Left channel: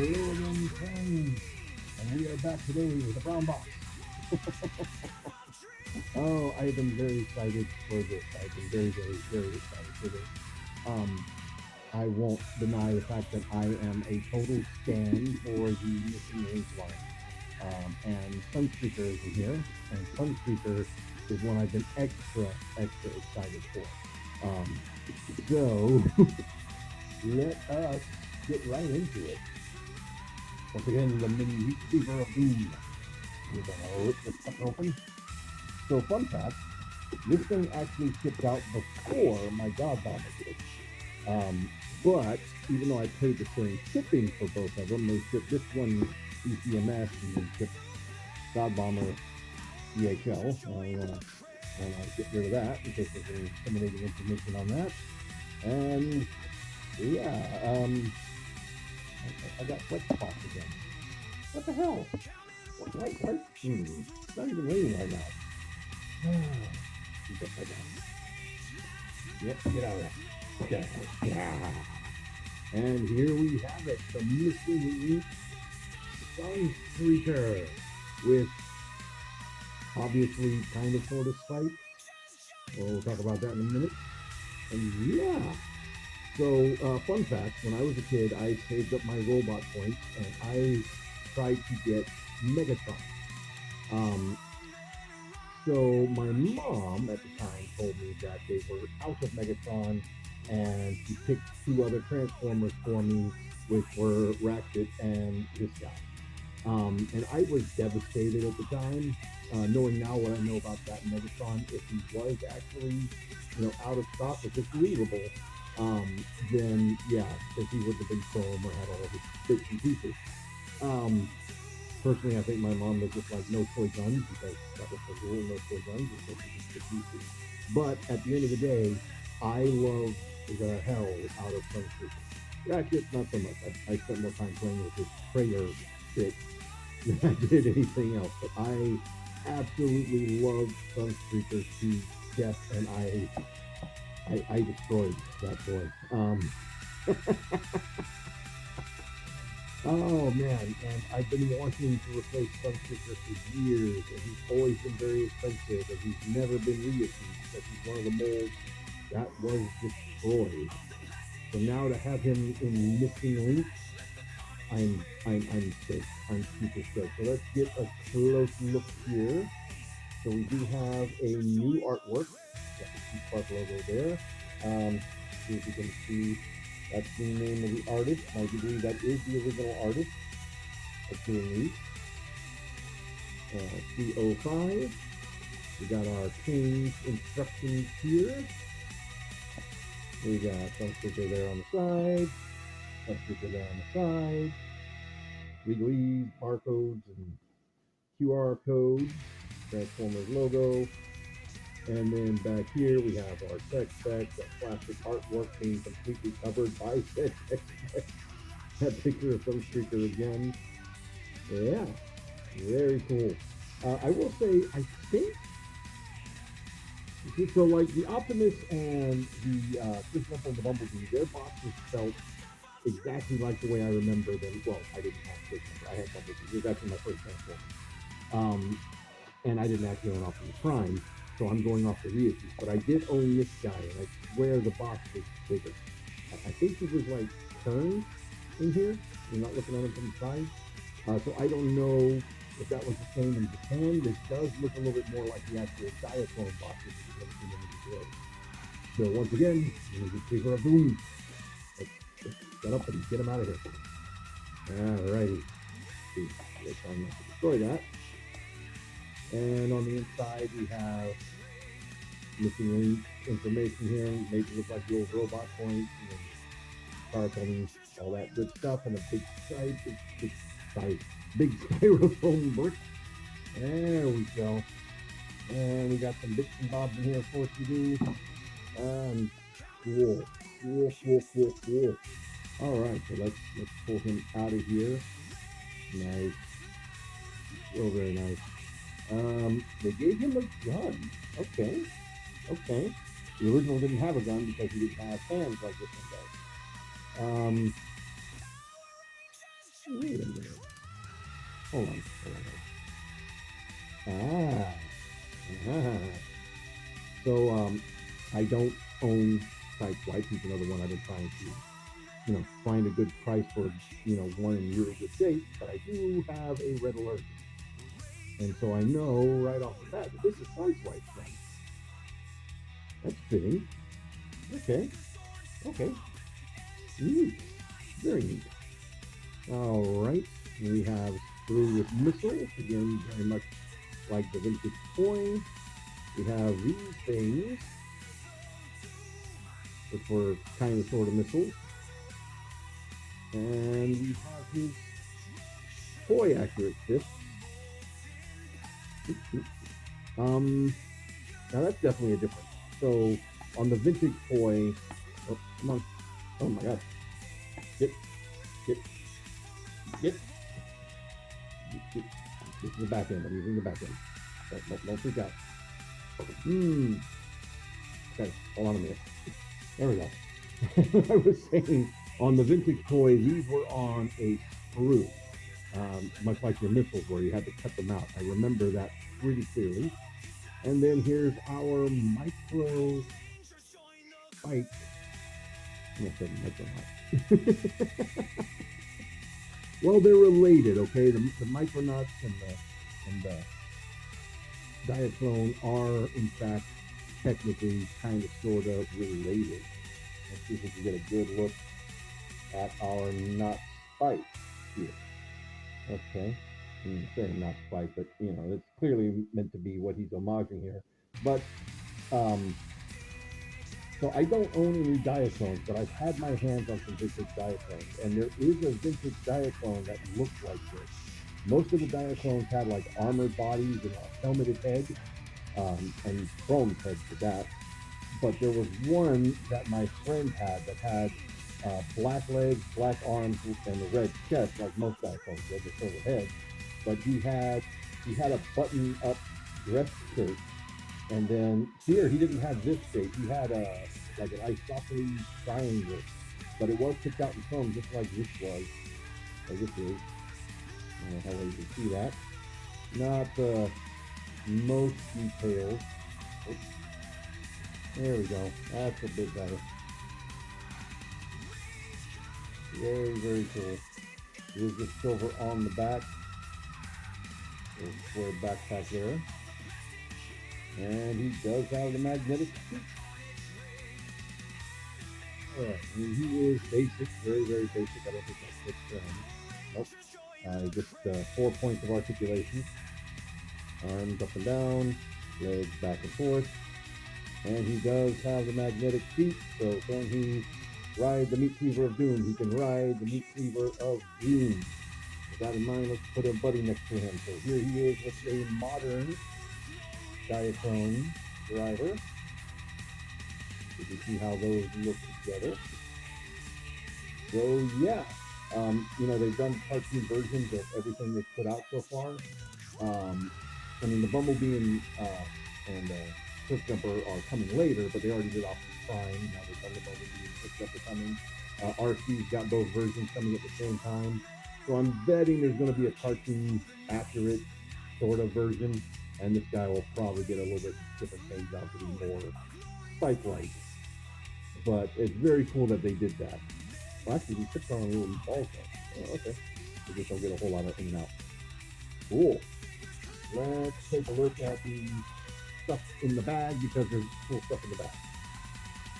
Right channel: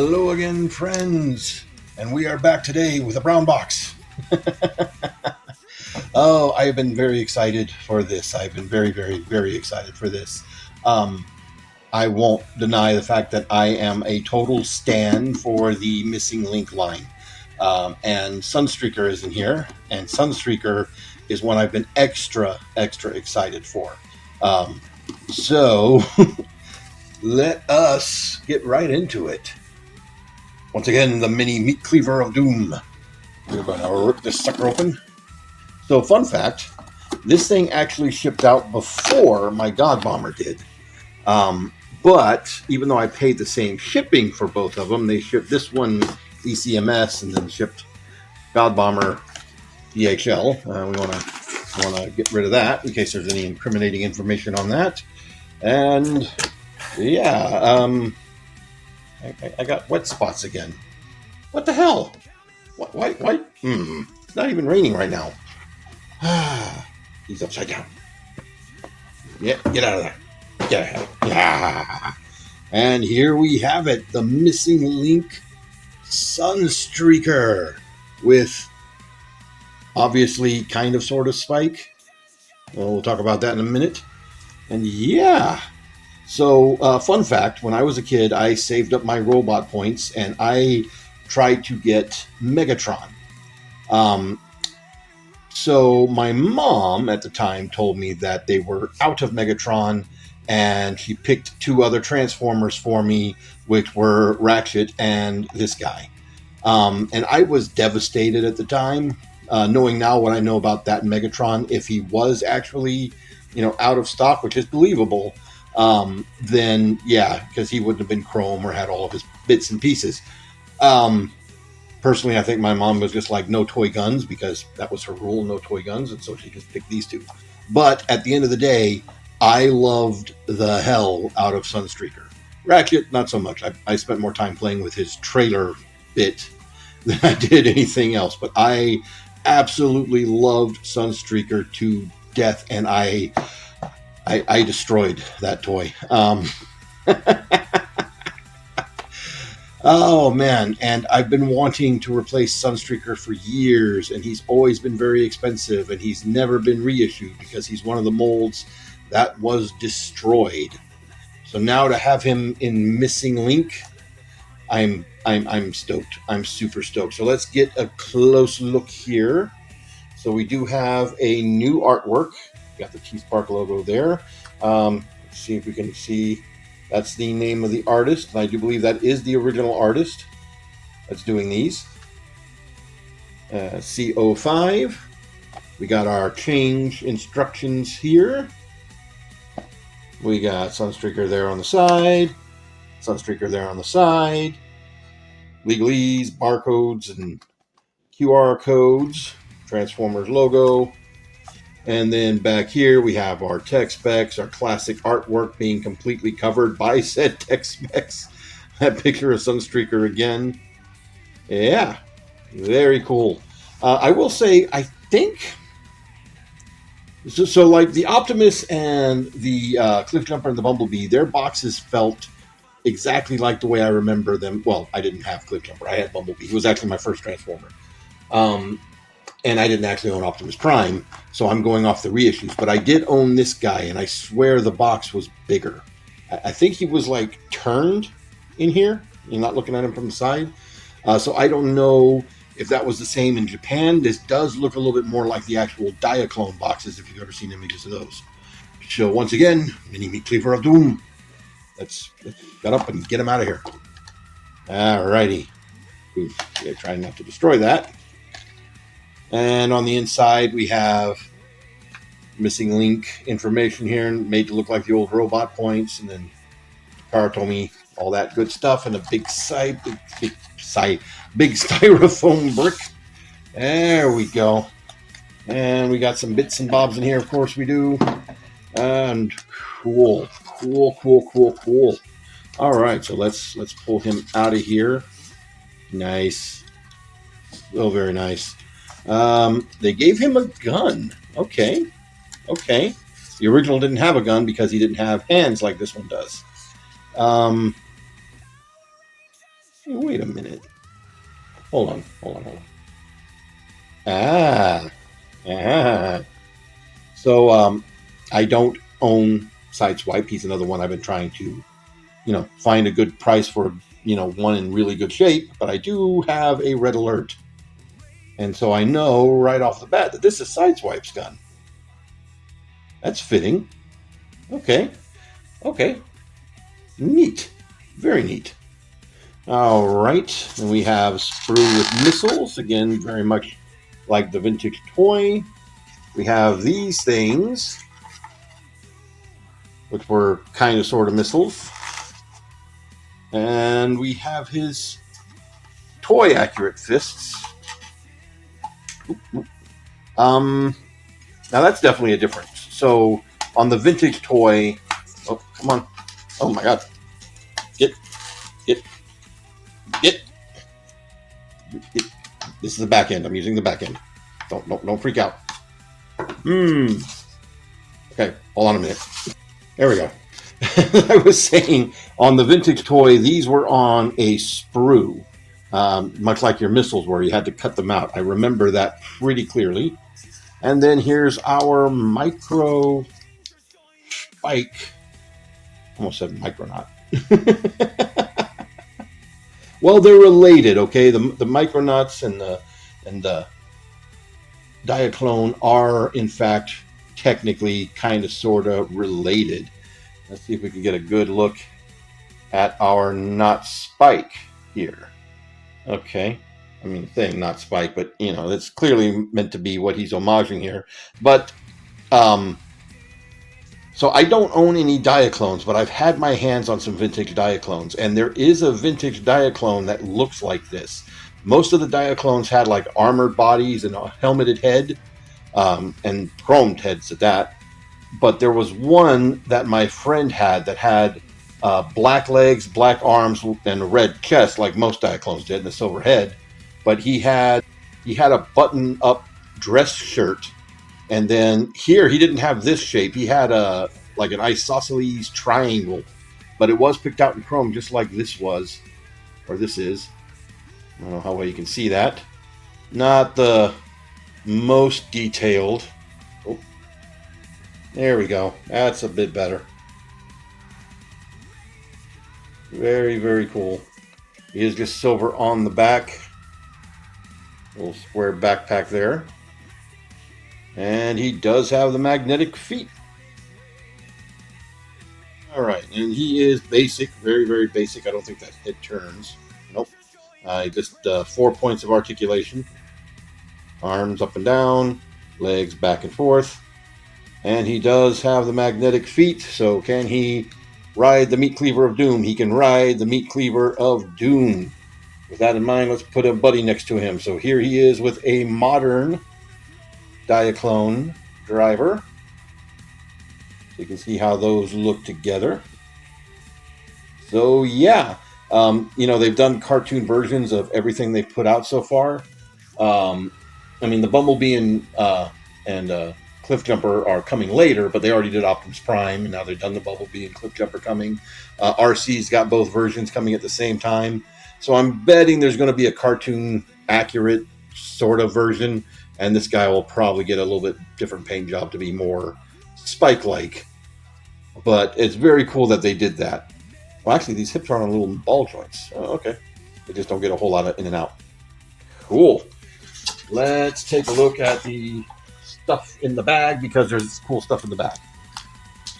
Hello again, friends, and we are back today with a brown box. Oh, I have been very excited for this. I've been very, very, very excited for this. Um, I won't deny the fact that I am a total stan for the Missing Link line. And Sunstreaker is in here, and Sunstreaker is one I've been extra, extra excited for. So let us get right into it. Once again, the mini meat cleaver of doom. We're going to rip this sucker open. So, fun fact, this thing actually shipped out before my God Bomber did. But even though I paid the same shipping for both of them, they shipped this one ECMS and then shipped God Bomber DHL. We want to get rid of that in case there's any incriminating information on that. And yeah, I got wet spots again. What the hell? Why? It's not even raining right now. He's upside down. Yeah, get out of there. Get out of there. Yeah. And here we have it, the Missing Link Sunstreaker with obviously kind of sort of spike. Well, we'll talk about that in a minute. And yeah. So, fun fact, when I was a kid, I saved up my robot points and I tried to get Megatron. So my mom at the time told me that they were out of Megatron and she picked two other Transformers for me, which were Ratchet and this guy. And I was devastated at the time, knowing now what I know about that Megatron. If he was actually, out of stock, which is believable, then yeah, because he wouldn't have been chrome or had all of his bits and pieces. Personally, I think my mom was just like, no toy guns, because that was her rule, no toy guns, and so she just picked these two. But at the end of the day, I loved the hell out of Sunstreaker. Ratchet, not so much. I spent more time playing with his trailer bit than I did anything else. But I absolutely loved Sunstreaker to death, and I destroyed that toy. Oh man, and I've been wanting to replace Sunstreaker for years, and he's always been very expensive, and he's never been reissued because he's one of the molds that was destroyed. So now to have him in Missing Link, I'm stoked. I'm super stoked. So let's get a close look here. So we do have a new artwork. Got the T-Spark logo there. Let's see if we can see. That's the name of the artist, and I do believe that is the original artist that's doing these. CO5. We got our change instructions here. We got Sunstreaker there on the side, Sunstreaker there on the side, legalese, barcodes, and QR codes, Transformers logo. And then back here we have our tech specs, our classic artwork being completely covered by said tech specs. That picture of Sunstreaker again. Yeah, very cool. I will say, I think, so like the Optimus and the Cliffjumper and the Bumblebee, their boxes felt exactly like the way I remember them. Well, I didn't have Cliffjumper, I had Bumblebee. He was actually my first Transformer. And I didn't actually own Optimus Prime, so I'm going off the reissues. But I did own this guy, and I swear the box was bigger. I think he was like turned in here. You're not looking at him from the side. So I don't know if that was the same in Japan. This does look a little bit more like the actual Diaclone boxes, if you've ever seen images of those. So once again, mini meat cleaver of doom. Let's get up and get him out of here. Alrighty. Oof, yeah, trying not to destroy that. And on the inside, we have Missing Link information here, made to look like the old robot points, and then Karatomi, all that good stuff, and a big styrofoam brick. There we go. And we got some bits and bobs in here, of course we do. And cool. All right, so let's pull him out of here. Nice. Oh, very nice. They gave him a gun. Okay. The original didn't have a gun because he didn't have hands like this one does. Wait a minute. Hold on. Ah. Ah. So, I don't own Sideswipe. He's another one I've been trying to, find a good price for, one in really good shape. But I do have a red alert. And so I know right off the bat that this is Sideswipe's gun. That's fitting. Okay. Neat. Very neat. All right. And we have Sprue with missiles. Again, very much like the vintage toy. We have these things, which were kind of sort of missiles. And we have his toy accurate fists. Now that's definitely a difference. So on the vintage toy, oh, come on. Oh my God. Get. This is the back end. I'm using the back end. Don't freak out. Okay, hold on a minute. There we go. I was saying on the vintage toy, these were on a sprue, much like your missiles were. You had to cut them out. I remember that pretty clearly. And then here's our micro spike. Almost said micronaut. Well, they're related, okay? The micronauts and the Diaclone are, in fact, technically kind of sort of related. Let's see if we can get a good look at our not spike here. Okay. I mean, saying not spike, but it's clearly meant to be what he's homaging here. But so I don't own any Diaclones, but I've had my hands on some vintage Diaclones, and there is a vintage Diaclone that looks like this. Most of the Diaclones had like armored bodies and a helmeted head, and chromed heads at that. But there was one that my friend had that had black legs, black arms, and a red chest, like most Diaclones did, and a silver head. But he had a button-up dress shirt. And then here, he didn't have this shape. He had like an isosceles triangle, but it was picked out in chrome, just like this was, or this is. I don't know how well you can see that. Not the most detailed. Oh, there we go. That's a bit better. Very, very cool. He is just silver on the back. Little square backpack there. And he does have the magnetic feet. All right, and he is basic, very, very basic. I don't think that head turns. Nope. Just 4 points of articulation. Arms up and down, legs back and forth. And he does have the magnetic feet, so can he ride the Meat Cleaver of Doom? He can ride the Meat Cleaver of Doom. With that in mind, let's put a buddy next to him. So here he is with a modern Diaclone driver. You can see how those look together. So yeah, they've done cartoon versions of everything they've put out so far. I mean, the Bumblebee and Cliffjumper are coming later, but they already did Optimus Prime, and now they've done the Bumblebee and Cliffjumper coming. RC's got both versions coming at the same time. So I'm betting there's going to be a cartoon accurate sort of version, and this guy will probably get a little bit different paint job to be more Spike-like. But it's very cool that they did that. Well, actually, these hips are on little ball joints. Oh, okay. They just don't get a whole lot of in and out. Cool. Let's take a look at the stuff in the bag, because there's cool stuff in the bag.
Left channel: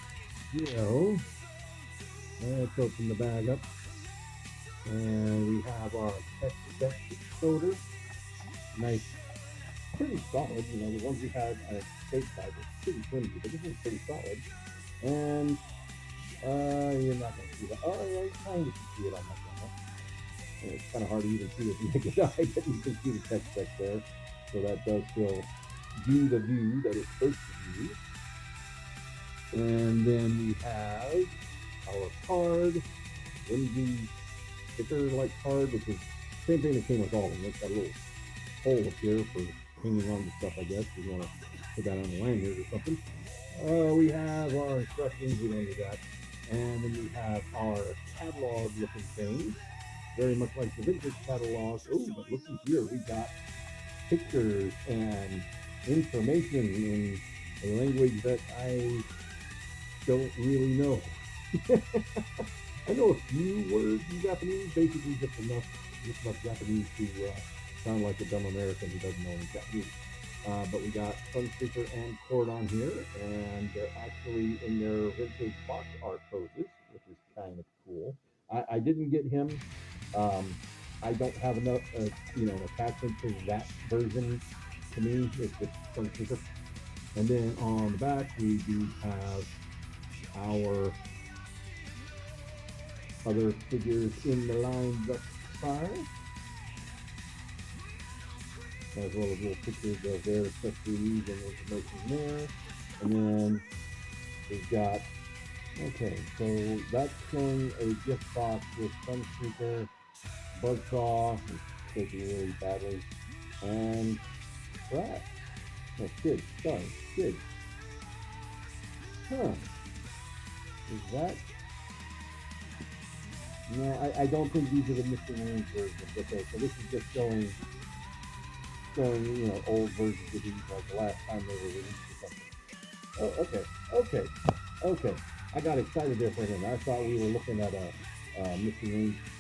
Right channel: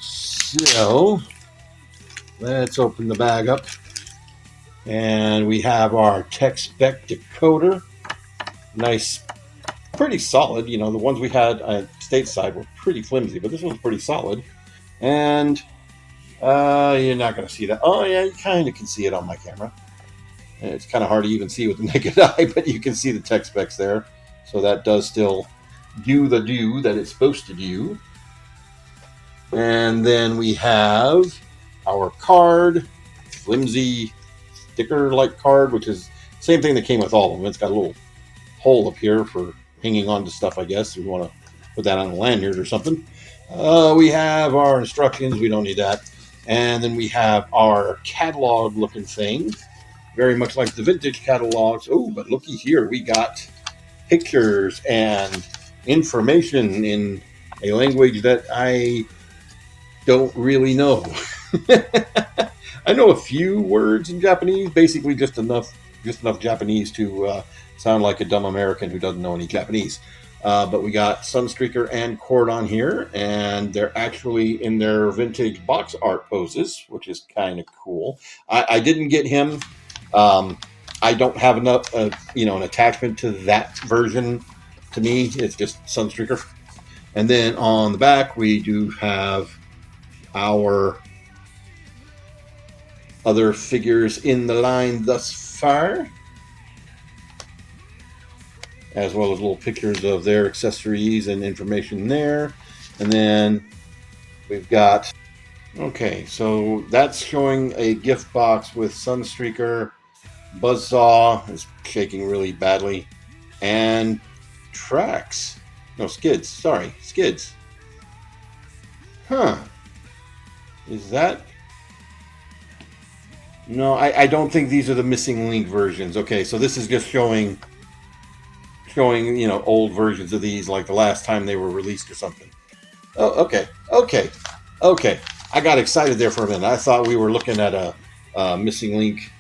So let's open the bag up. And we have our tech spec decoder. Nice, pretty solid. The ones we had stateside were pretty flimsy, but this one's pretty solid. And you're not going to see that. Oh, yeah, you kind of can see it on my camera. And it's kind of hard to even see with the naked eye, but you can see the tech specs there. So that does still do the do that it's supposed to do. And then we have our card, flimsy sticker-like card, which is the same thing that came with all of them. It's got a little hole up here for hanging on to stuff, I guess, if you want to put that on a lanyard or something. We have our instructions. We don't need that. And then we have our catalog-looking thing, very much like the vintage catalogs. Oh, but looky here, we got pictures and information in a language that I don't really know. I know a few words in Japanese, basically just enough Japanese to sound like a dumb American who doesn't know any Japanese. But we got Sunstreaker and Cord on here, and they're actually in their vintage box art poses, which is kind of cool. I didn't get him. I don't have enough, an attachment to that version. To me, it's just Sunstreaker. And then on the back, we do have our other figures in the line thus far, as well as little pictures of their accessories and information there. And then we've got, okay, so that's showing a gift box with Sunstreaker. Buzzsaw is shaking really badly. And tracks. No, skids. Sorry, skids. Huh. Is that? No, I don't think these are the missing link versions. Okay, so this is just showing old versions of these, like the last time they were released or something. Oh, okay. I got excited there for a minute. I thought we were looking at a missing link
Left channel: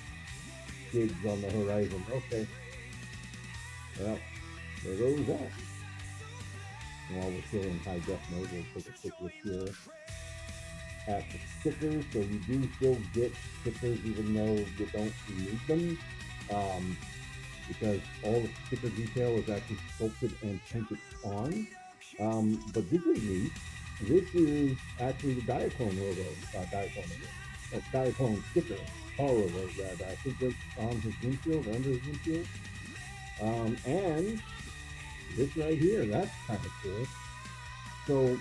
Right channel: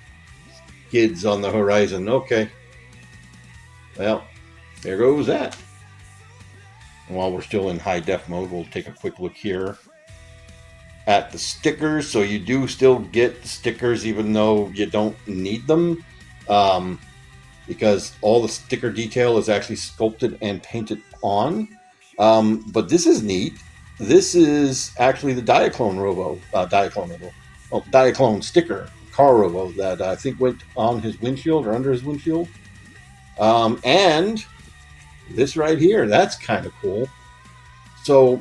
kids on the horizon. Okay. Well, there goes that. And while we're still in high def mode, we'll take a quick look here at the stickers. So you do still get stickers even though you don't need them, because all the sticker detail is actually sculpted and painted on. But this is neat. This is actually the Diaclone sticker, car robo, that I think went on his windshield or under his windshield. And this right here, that's kind of cool. So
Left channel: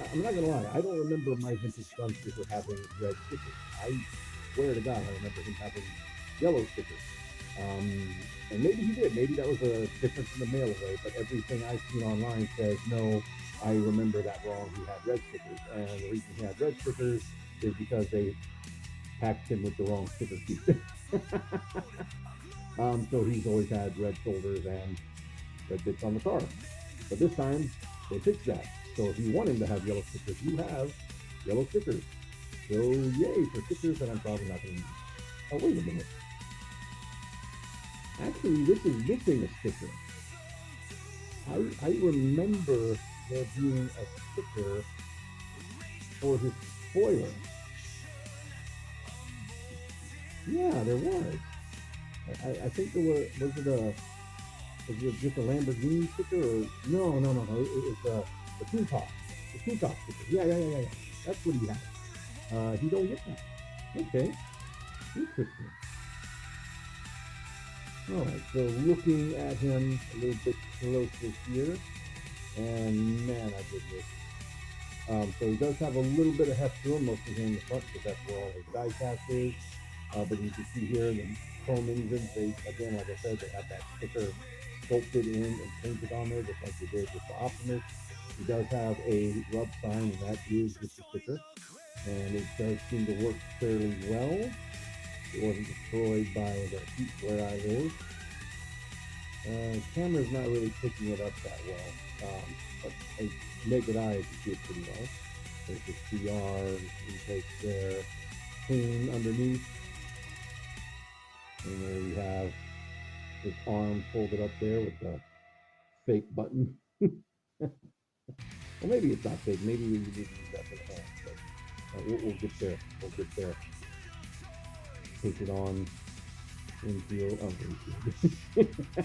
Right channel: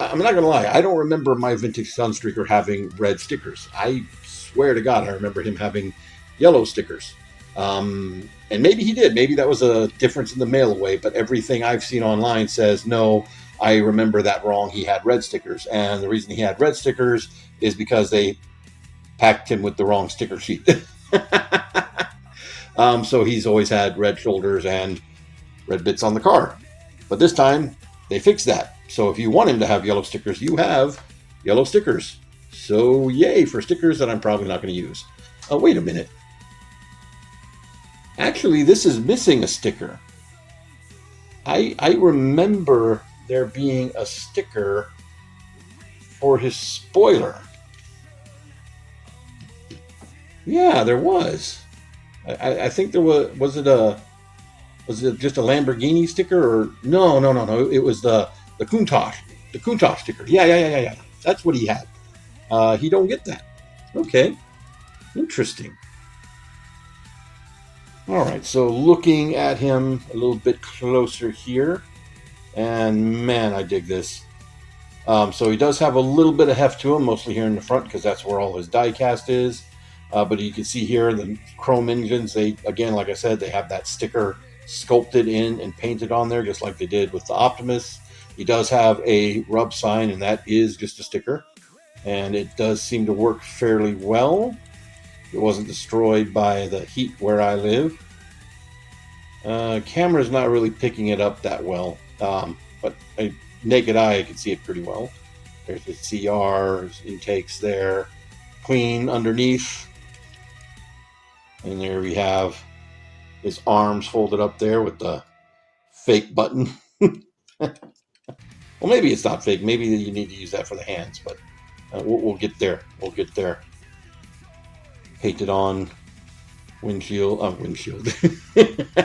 I'm not gonna lie, I don't remember my vintage Sunstreaker having red stickers. I swear to God, I remember him having yellow stickers. And maybe he did. Maybe that was a difference in the mail away, but everything I've seen online says, no, I remember that wrong. He had red stickers. And the reason he had red stickers is because they packed him with the wrong sticker sheet. So he's always had red shoulders and red bits on the car. But this time, they fixed that. So if you want him to have yellow stickers, you have yellow stickers. So yay for stickers that I'm probably not going to use. Oh, wait a minute. Actually, this is missing a sticker. I remember there being a sticker for his spoiler. Yeah, there was. I think there was it just a Lamborghini sticker, or no, it was the Countach sticker. Yeah, that's what he had. He don't get that. Okay, interesting. All right, so looking at him a little bit closer here, and man, I dig this. So he does have a little bit of heft to him, mostly here in the front, because that's where all his die cast is. But you can see here the chrome engines, they, again, like I said, they have that sticker sculpted in and painted on there, just like they did with the Optimus. He does have a rub sign, and that is just a sticker. And it does seem to work fairly well. It wasn't destroyed by the heat where I live. Camera's not really picking it up that well, but naked eye, I can see it pretty well. There's the CR intakes there, clean underneath. And there we have his arms folded up there with the fake button. Well, maybe it's not fake. Maybe you need to use that for the hands, but we'll get there. We'll get there. Painted on windshield.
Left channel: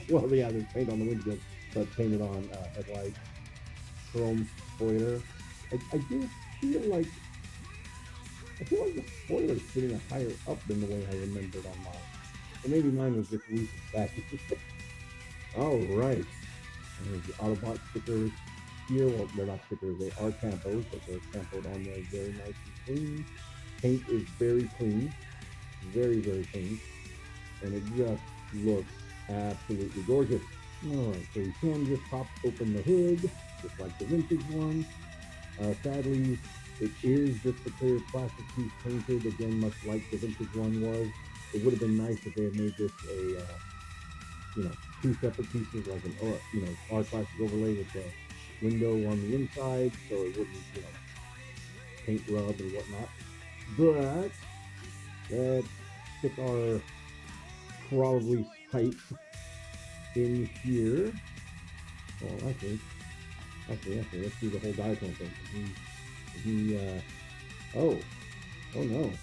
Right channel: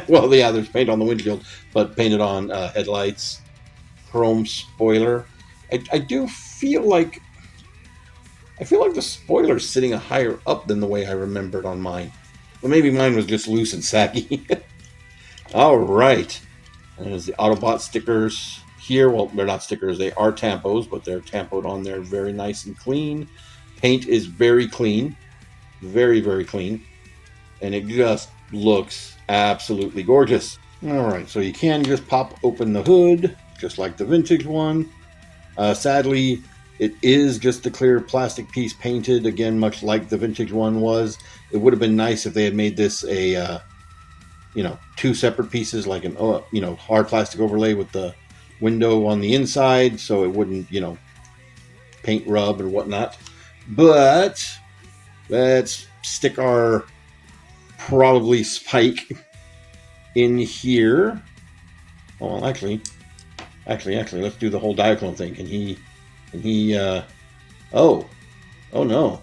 Well, yeah, there's paint on the windshield, but painted on headlights. Chrome spoiler. I do feel like the spoiler's sitting higher up than the way I remembered on mine. Well, maybe mine was just loose and saggy. All right. And there's the Autobot stickers here. Well, they're not stickers. They are tampos, but they're tampoed on there very nice and clean. Paint is very clean. Very, very clean. And it just looks absolutely gorgeous. All right. So you can just pop open the hood, just like the vintage one. Sadly, It is just the clear plastic piece painted, again, much like the vintage one was. It would have been nice if they had made this a, two separate pieces, like an, hard plastic overlay with the window on the inside, so it wouldn't, paint rub or whatnot. But let's stick our probably spike in here. Oh, well, actually, let's do the whole Diaclone thing. Can he, oh no.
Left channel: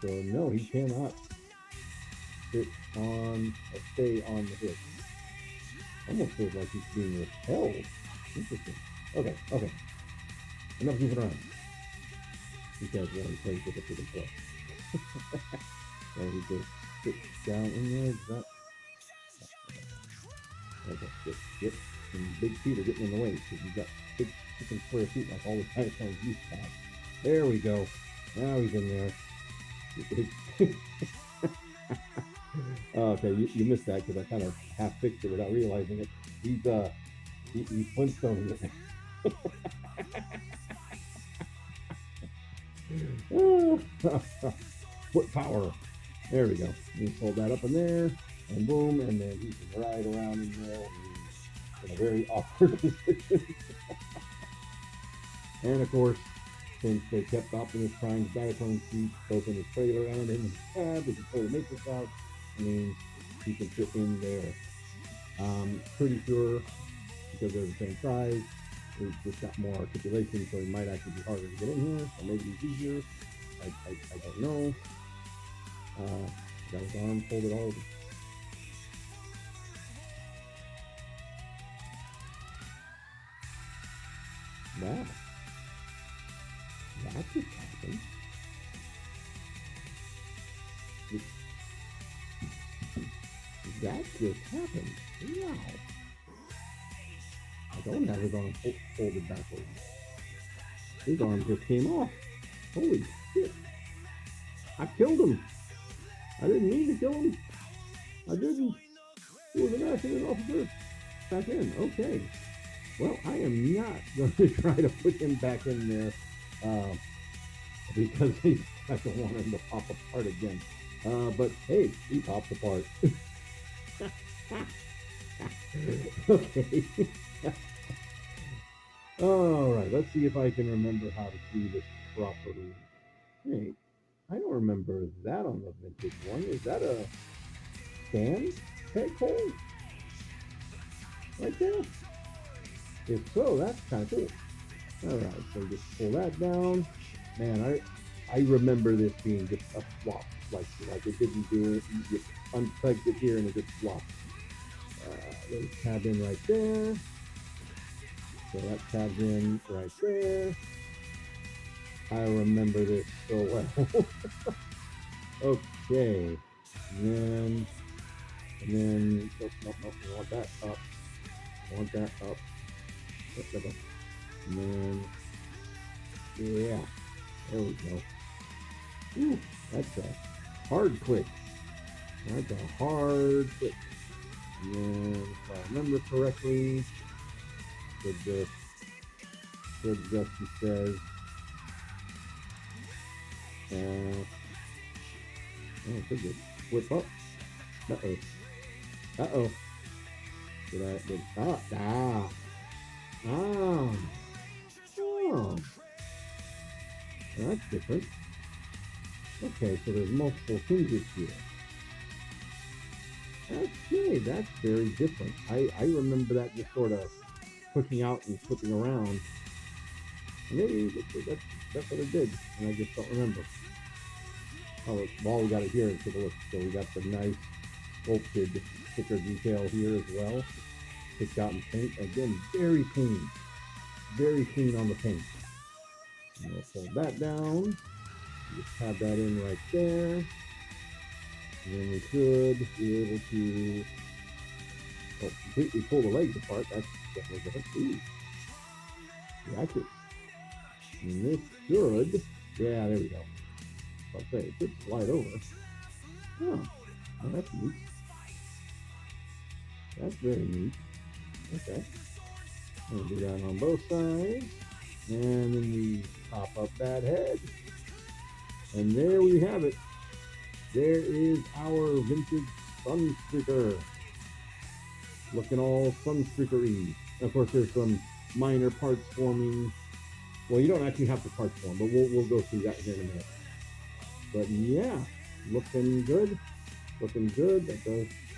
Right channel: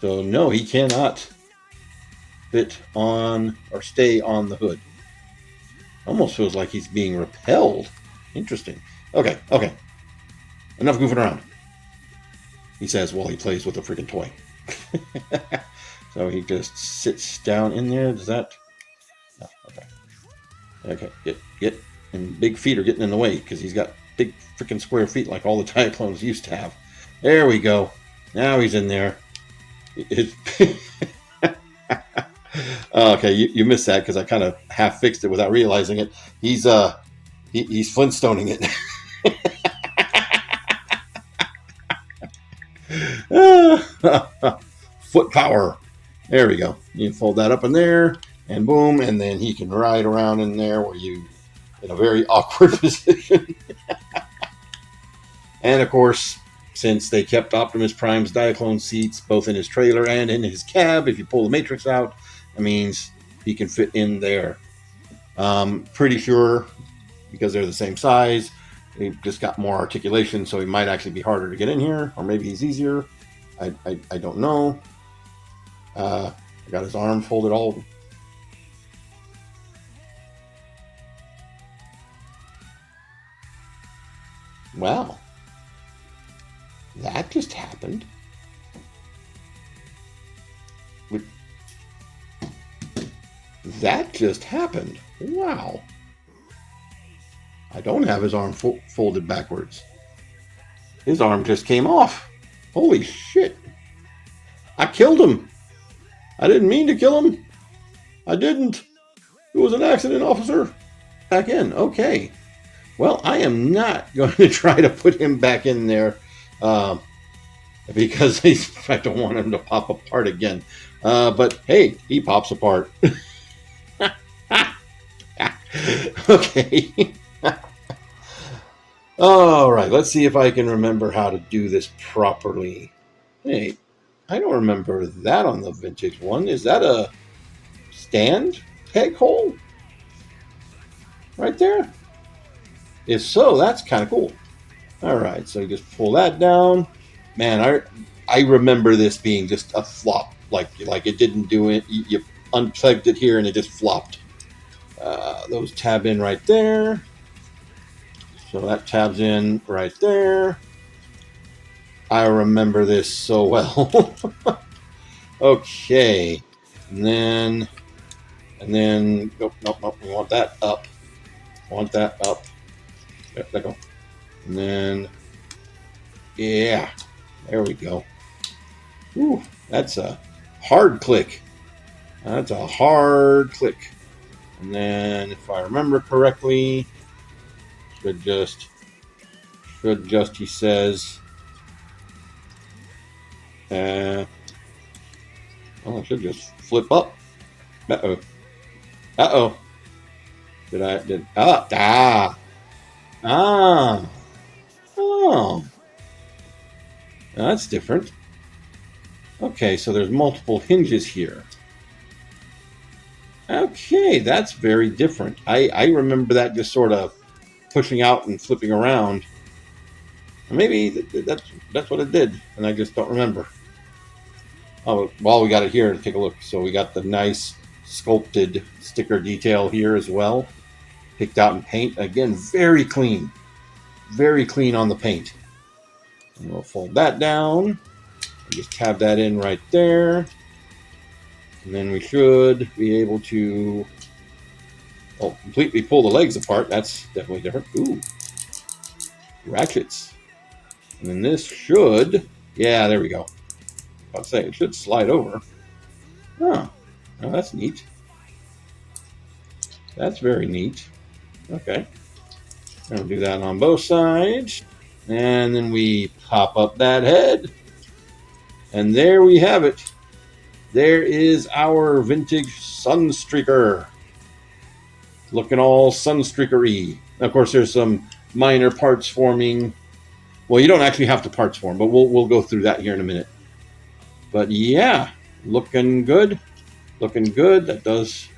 So no, he cannot fit on or stay on the hood. Almost feels like he's being repelled. Interesting. Okay. Enough goofing around, he says while he plays with a freaking toy. So he just sits down in there. Does that? No, okay. Get. And big feet are getting in the way because he's got big freaking square feet like all the Diaclones used to have. There we go. Now he's in there. Okay, you missed that because I kind of half fixed it without realizing it. He's Flintstoning it. Foot power. There we go. You fold that up in there, and boom, and then he can ride around in there where you in a very awkward position. And of course, since they kept Optimus Prime's Diaclone seats both in his trailer and in his cab, if you pull the Matrix out, that means he can fit in there. Pretty sure, because they're the same size, he just got more articulation, so he might actually be harder to get in here, or maybe he's easier. I don't know. I got his arm folded all. Wow. That just happened. That just happened. Wow. I don't have his arm folded backwards. His arm just came off. Holy shit. I killed him. I didn't mean to kill him. I didn't. It was an accident, officer. Back in. Okay. Well, I am not going to try to put him back in there because I don't want him to pop apart again. But hey, he pops apart. Okay. All right, let's see if I can remember how to do this properly. Hey, I don't remember that on the vintage one. Is that a stand peg hole? Right there? If so, that's kind of cool. All right, so you just pull that down. Man, I remember this being just a flop. Like it didn't do it. You unplugged it here and it just flopped. Those tab in right there. So that tabs in right there. I remember this so well. Okay. And then, nope, we want that up. There we go. And then, yeah, there we go. Ooh, that's a hard click. That's a hard click. And then, if I remember correctly, should just, he says, it should just flip up. Uh-oh. Oh. That's different. Okay, so there's multiple hinges here. Okay, that's very different. I remember that just sort of pushing out and flipping around. Maybe that's what it did, and I just don't remember. Oh, well, we got it here to take a look. So we got the nice sculpted sticker detail here as well. Picked out in paint. Again, very clean. Very clean on the paint. And we'll fold that down. Just tab that in right there. And then we should be able to completely pull the legs apart. That's definitely different. Ooh. Ratchets. And then this should, yeah, there we go. I'll say it should slide over. Huh. Oh, that's neat. That's very neat. Okay. I'll do that on both sides. And then we pop up that head. And there we have it. There is our vintage Sunstreaker. Looking all Sunstreaker-y. Of course, there's some minor parts forming. Well, you don't actually have to parts form, but we'll go through that here in a minute. But yeah, looking good. Looking good. That does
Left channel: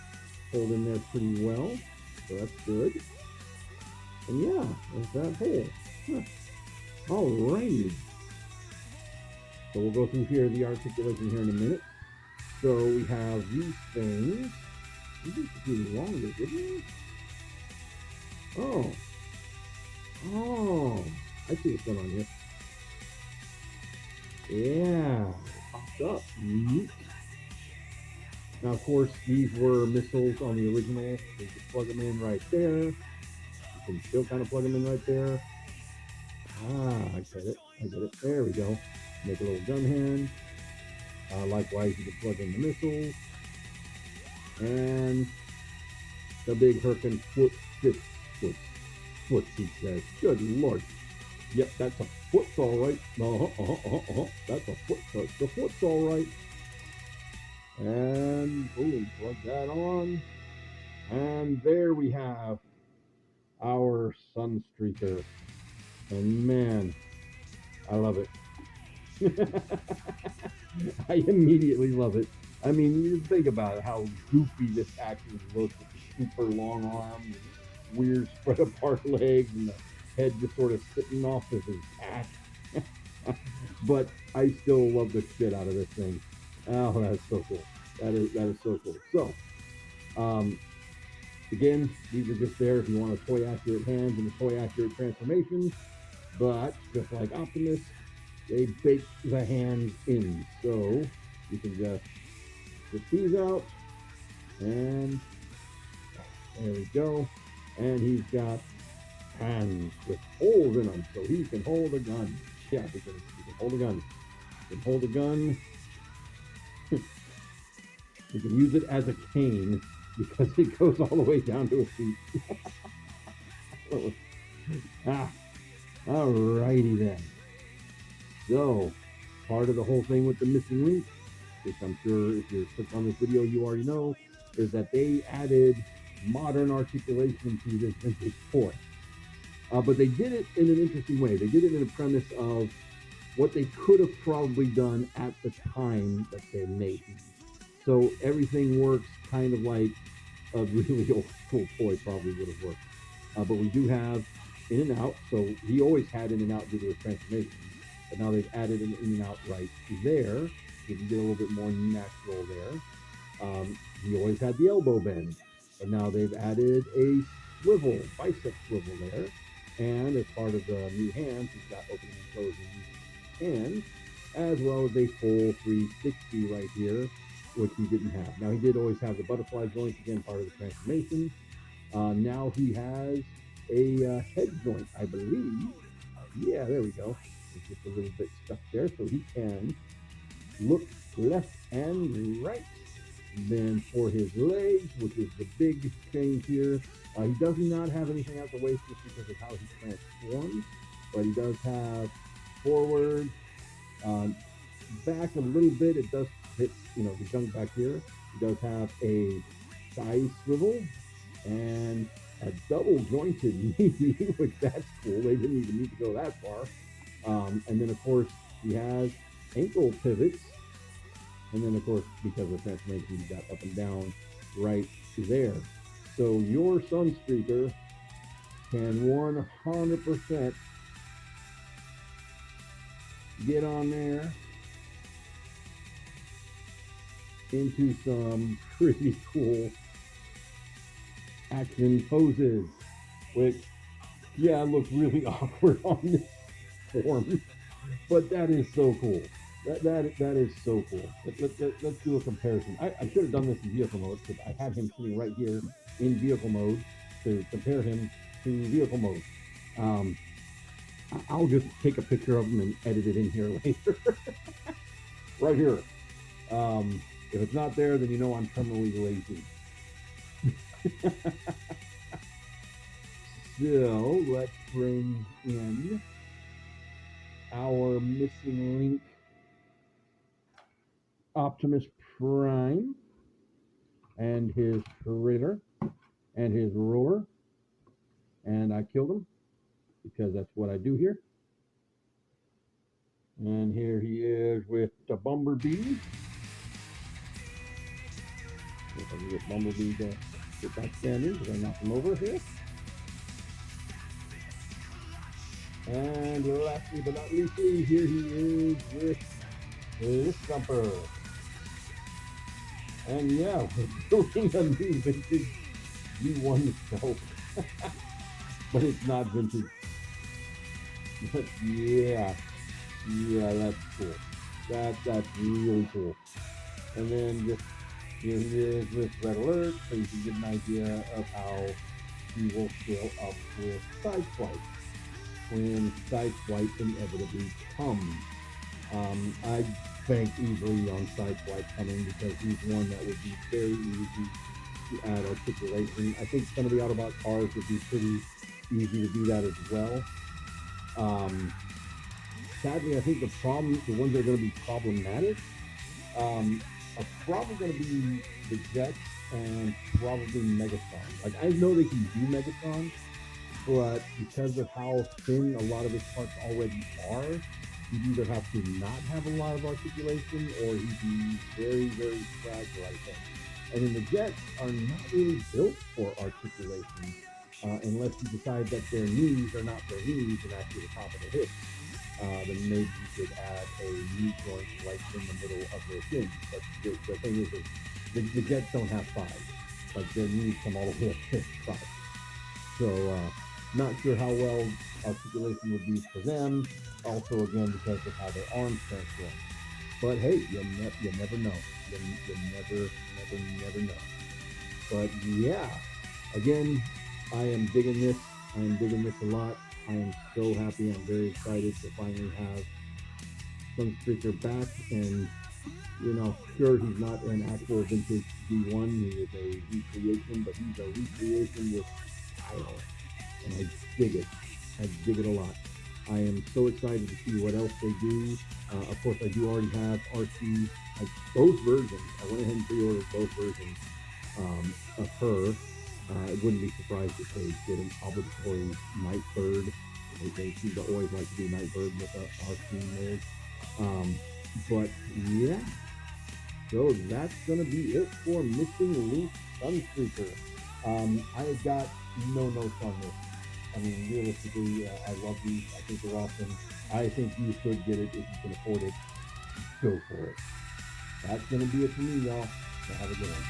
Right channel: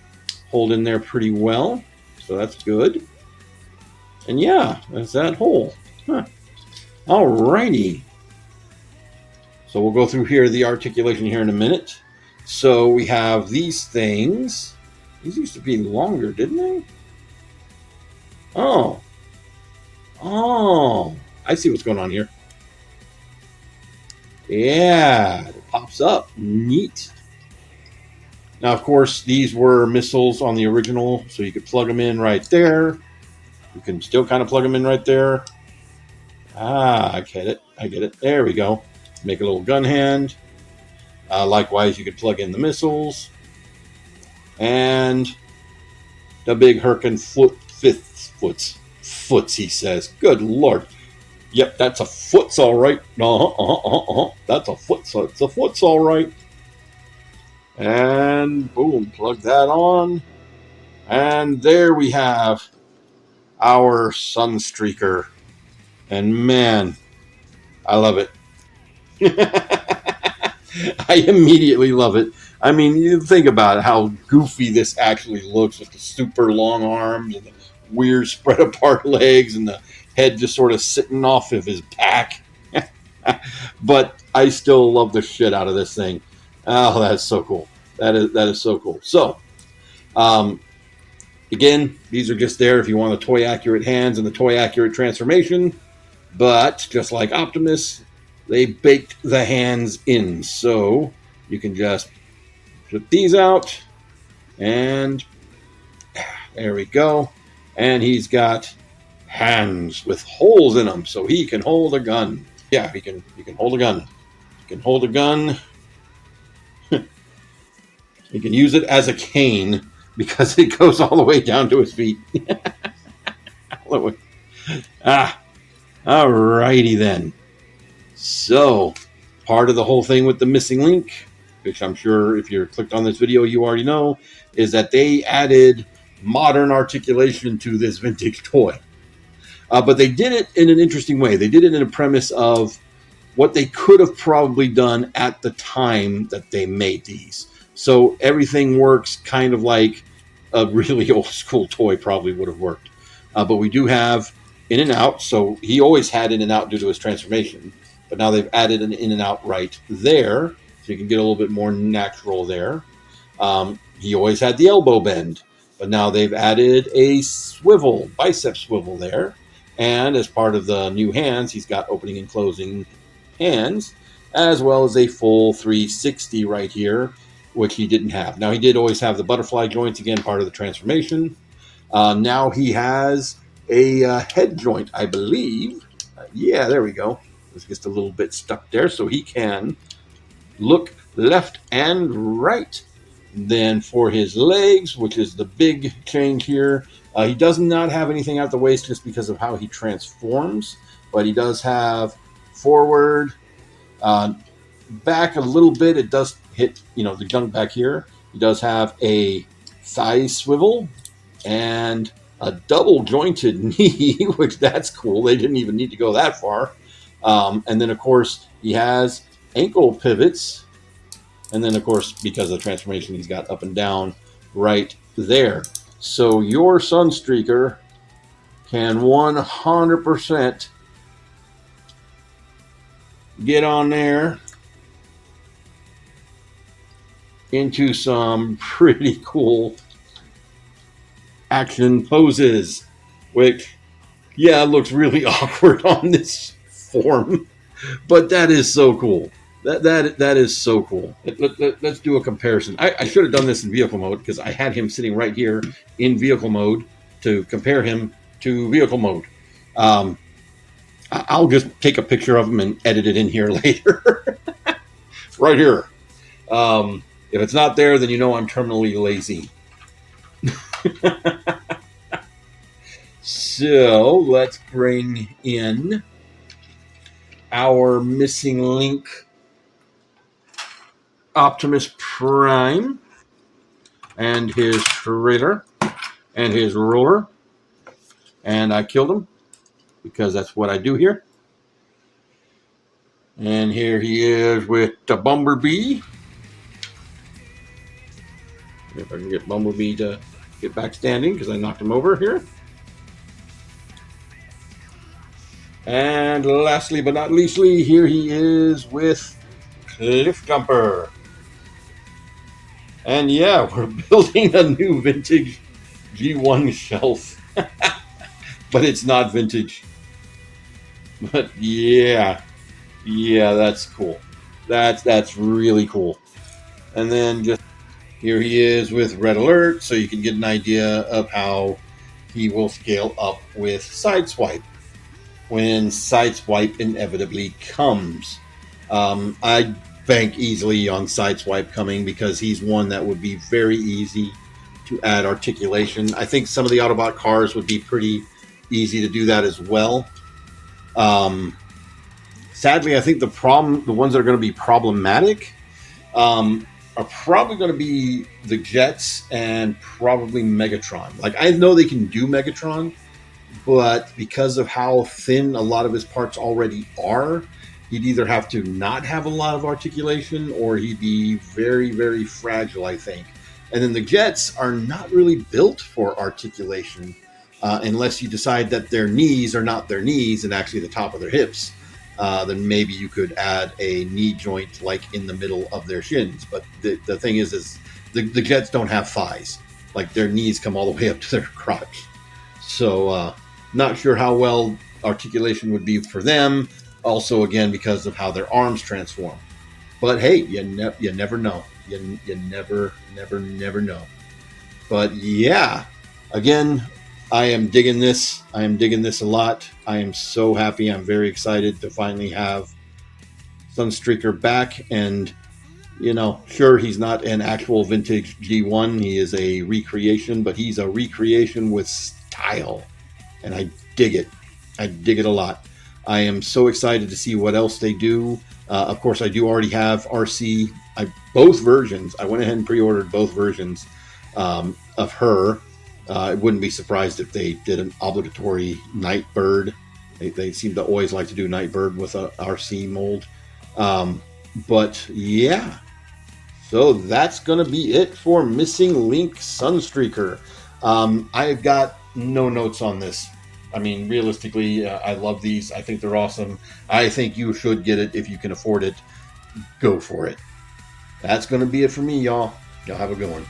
hold in there pretty well. So that's good. And yeah, that's that hole. Huh. Alrighty. So we'll go through here the articulation here in a minute. So we have these things. These used to be longer, didn't they? Oh. Oh. I see what's going on here. Yeah, it pops up. Neat. Now, of course, these were missiles on the original, so you could plug them in right there. You can still kind of plug them in right there. Ah, I get it. I get it. There we go. Make a little gun hand. Likewise, you could plug in the missiles. And the big Herkin foots, he says. Good Lord. Yep, that's a foot's all right. That's a foot, so it's a foot's all right. And boom, plug that on. And there we have our Sunstreaker. And man, I love it. I immediately love it. I mean, you think about it, how goofy this actually looks with the super long arms and the weird spread apart legs and the head just sort of sitting off of his back. But I still love the shit out of this thing. Oh, that's so cool. That is so cool. So, again, these are just there if you want the toy accurate hands and the toy accurate transformation. But just like Optimus, they baked the hands in. So you can just flip these out, and there we go. And he's got hands with holes in them, so he can hold a gun. Yeah, he can hold a gun. He can hold a gun. He can use it as a cane because it goes all the way down to his feet. Alrighty then. So, part of the whole thing with the missing link, which I'm sure if you're clicked on this video you already know, is that they added modern articulation to this vintage toy. But they did it in an interesting way. They did it in a premise of what they could have probably done at the time that they made these. So everything works kind of like a really old school toy probably would have worked. But we do have in and out. So he always had in and out due to his transformation. But now they've added an in and out right there. So you can get a little bit more natural there. He always had the elbow bend. But now they've added a swivel, bicep swivel there. And as part of the new hands, he's got opening and closing hands, as well as a full 360 right here, which he didn't have. Now, he did always have the butterfly joints, again, part of the transformation. Now he has a head joint, I believe. Yeah, there we go. It's just a little bit stuck there, so he can look left and right. Then for his legs, which is the big change here, he does not have anything at the waist just because of how he transforms, but he does have forward, back a little bit. It does hit, the junk back here. He does have a thigh swivel and a double jointed knee, which that's cool. They didn't even need to go that far. And then, of course, he has ankle pivots. And then, of course, because of the transformation, he's got up and down right there. So your Sunstreaker can 100% get on there into some pretty cool action poses, which, yeah, looks really awkward on this form, but that is so cool. That is so cool. Let's do a comparison. I should have done this in vehicle mode because I had him sitting right here in vehicle mode to compare him to vehicle mode. I'll just take a picture of him and edit it in here later. Right here. If it's not there, then you know I'm terminally lazy. So let's bring in our missing link Optimus Prime and his trailer and his roller. And I killed him because that's what I do here. And here he is with the Bumblebee. If I can get Bumblebee to get back standing because I knocked him over here. And lastly but not leastly, here he is with Cliff Jumper. And yeah, we're building a new vintage G1 shelf. But it's not vintage. But yeah, that's cool. That's really cool. And then just here he is with Red Alert, so you can get an idea of how he will scale up with Sideswipe when Sideswipe inevitably comes. I bank easily on Sideswipe coming because he's one that would be very easy to add articulation. I think some of the Autobot cars would be pretty easy to do that as well. Sadly, I think the ones that are going to be problematic are probably going to be the Jets and probably Megatron. Like, I know they can do Megatron, but because of how thin a lot of his parts already are, he'd either have to not have a lot of articulation or he'd be very, very fragile, I think. And then the Jets are not really built for articulation unless you decide that their knees are not their knees and actually the top of their hips. Then maybe you could add a knee joint like in the middle of their shins. But the thing is the Jets don't have thighs. Like, their knees come all the way up to their crotch. So not sure how well articulation would be for them. Also, again, because of how their arms transform. But hey, you never know. You never know. But yeah, again, I am digging this. I am digging this a lot. I am so happy. I'm very excited to finally have Sunstreaker back. And, you know, sure, he's not an actual vintage G1. He is a recreation, but he's a recreation with style. And I dig it. I dig it a lot. I am so excited to see what else they do. Of course, I do already have RC. Both versions. I went ahead and pre-ordered both versions of her. I wouldn't be surprised if they did an obligatory Nightbird. They seem to always like to do Nightbird with a RC mold. But yeah, so that's going to be it for Missing Link Sunstreaker. I've got no notes on this. I mean, realistically, I love these. I think they're awesome. I think you should get it if you can afford it. Go for it. That's going to be it for me, y'all. Y'all have a good one.